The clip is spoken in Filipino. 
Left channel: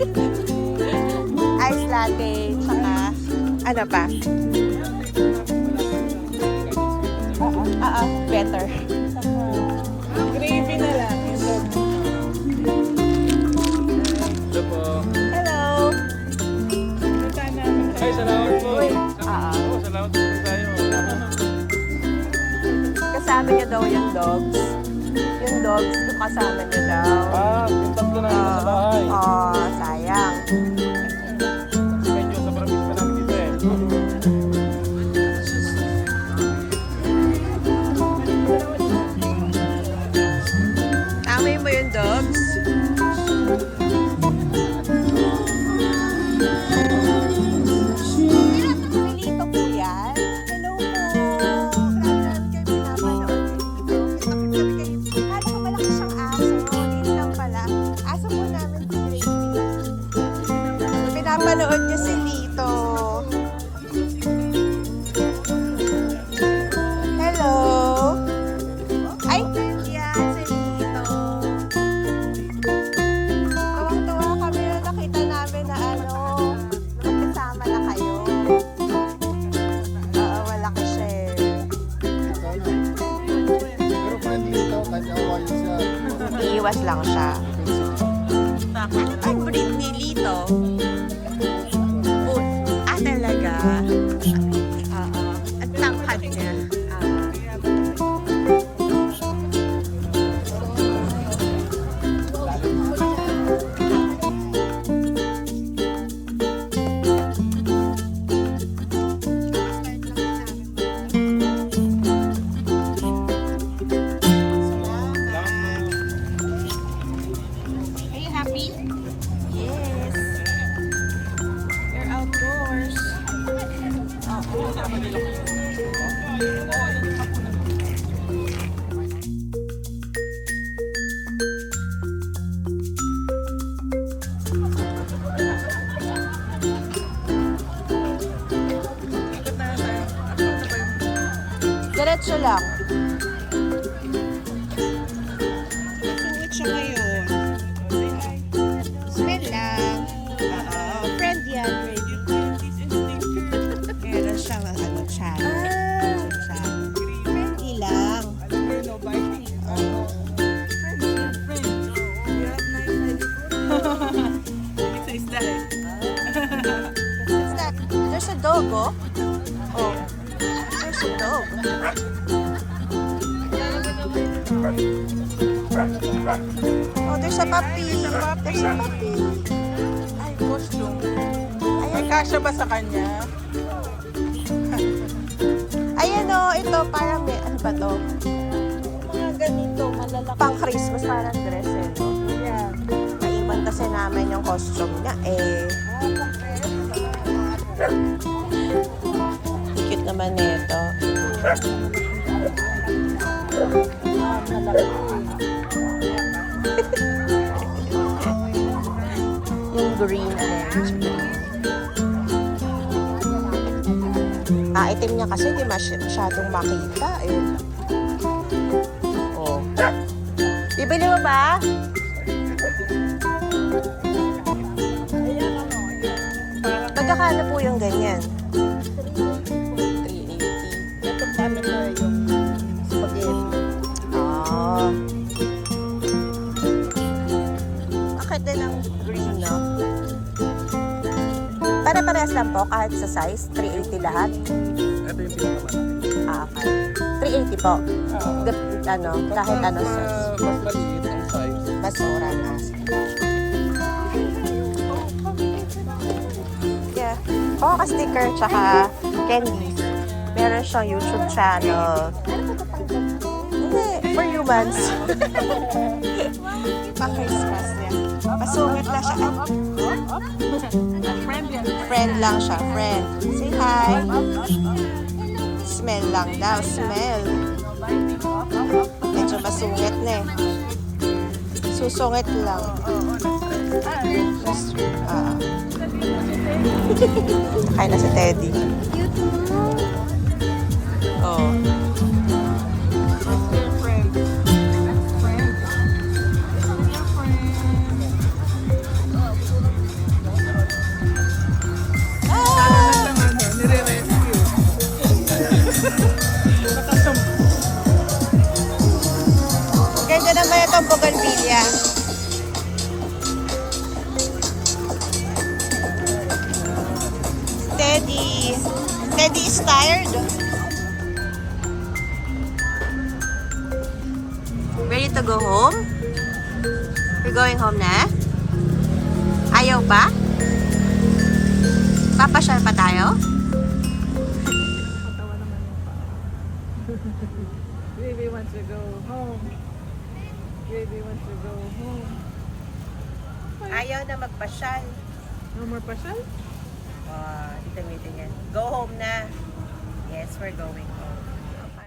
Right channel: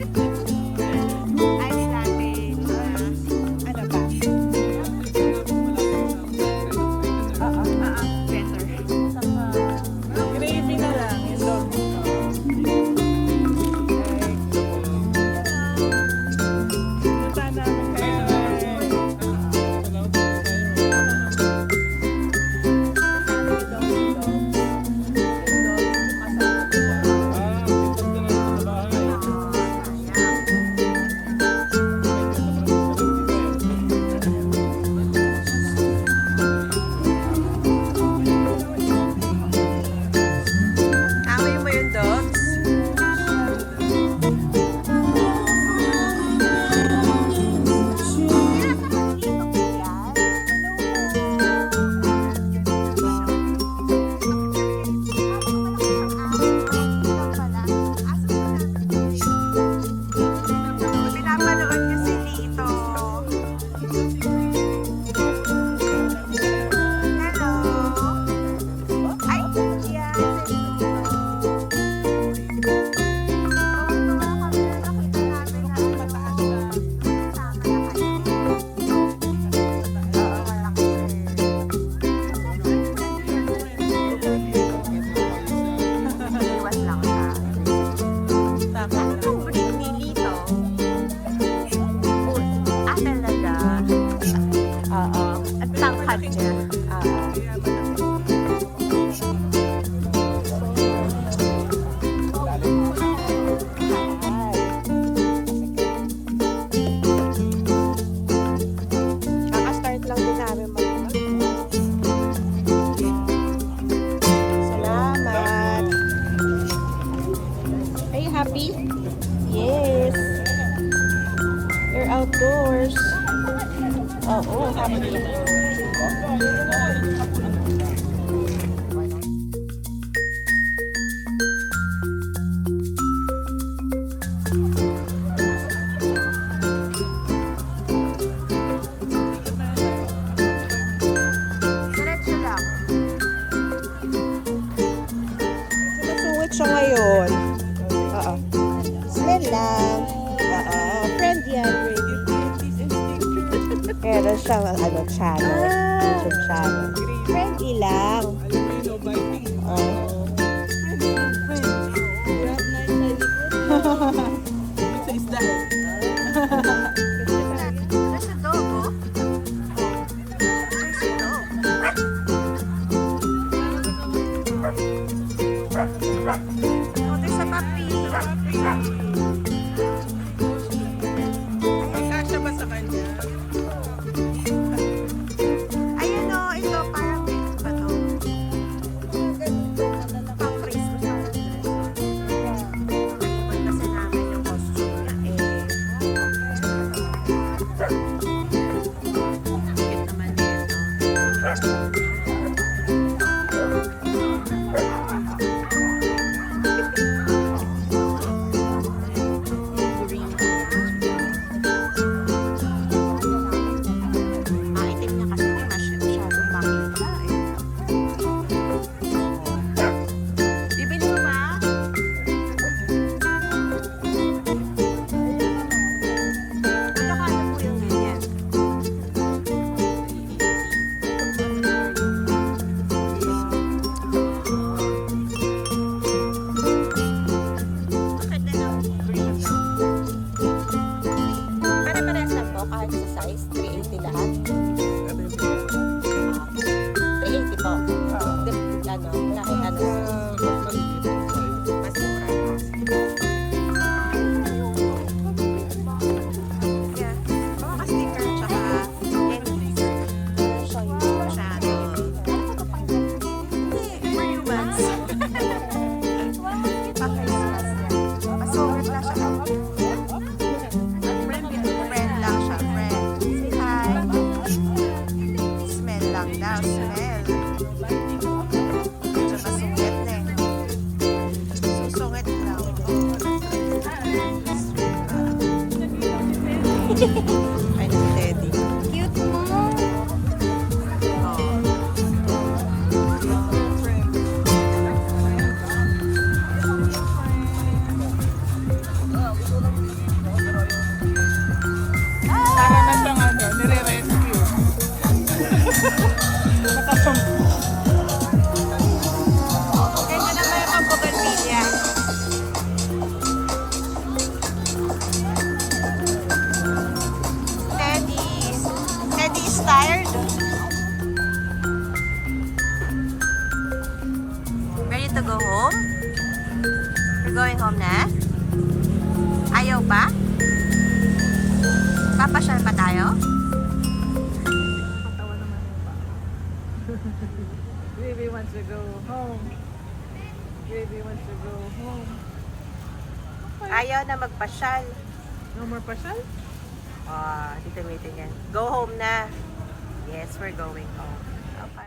Ice latte, tsaka ano pa? Better. Gravy na lang. Hello. Punta namin. Ay, salamat po. Salamat po tayo. Kasama niya daw yung dogs. Yung dogs, kasama niya daw. Puntas ka na sa bahay. Sayang. Medyo sobrang pa lang dito eh. Amoy mo yung dogs? Dito po yan. Hello po. Kala ko malaki siyang aso. Dito lang pala. Aso po namin dito. Pinapanood niyo si Tito. Hello. Ay, yan si Tito. Tuwang-tuwa kami na nakita namin na magkasama na kayo. Oo, malaki siya eh. Pero friendly ito kasi hawaii siya. Iiwas lang siya. Ano ang breed ni Lito? Talaga? Oo. At tangkad niya. Naka-start lang din namin mag-vlog. Salamat. Are you happy? Yes. You're outdoors. Diretso lang. Sumitsungit siya ngayon. Oo. Smell lang. Oo. Friend yan, baby. Meron siyang channel. YouTube channel. Friendly lang. Alam mo yun, no biting. Oh. Pizza is that. There's a dog, oh. Oh. There's a dog. Oh, there's a puppy. There's a puppy. Ay, kasya ba sa kanya? Ayan o, ito parang may, ano ba to? Pang Christmas parang dress eh. Naiwan kasi namin yung costume niya eh. Cute naman nito. Yung green na yun. Item niya kasi di masyadong makita eh. Oh. Bibili mo ba? Magkakano po yung ganyan? 380. Oh. Bakit din ang green, no? Para-parehas lang po kahit sa size, 380 lahat. Okay. 380 po. Kahit ano size. Mas maliit ang size. Mas mura na. Yeah. Sticker tsaka candies. Meron siyang YouTube channel. Hindi, for humans. Pa-Christmas yan. Masungit lang siya. Friend lang siya, friend. Say hi. Smell lang daw, smell. Medyo masungit na eh. Susungit lang. Kaya na si Teddy. Oh. Teddy is tired. Ready to go home? We're going home na? Ayaw pa? Papasyal pa tayo? Nakakatawa naman yung pa. Baby wants to go home. Baby wants to go home. Ayaw na magpasyal. No more pasyal? Dito meeting yan. Go home na. Yes, we're going home.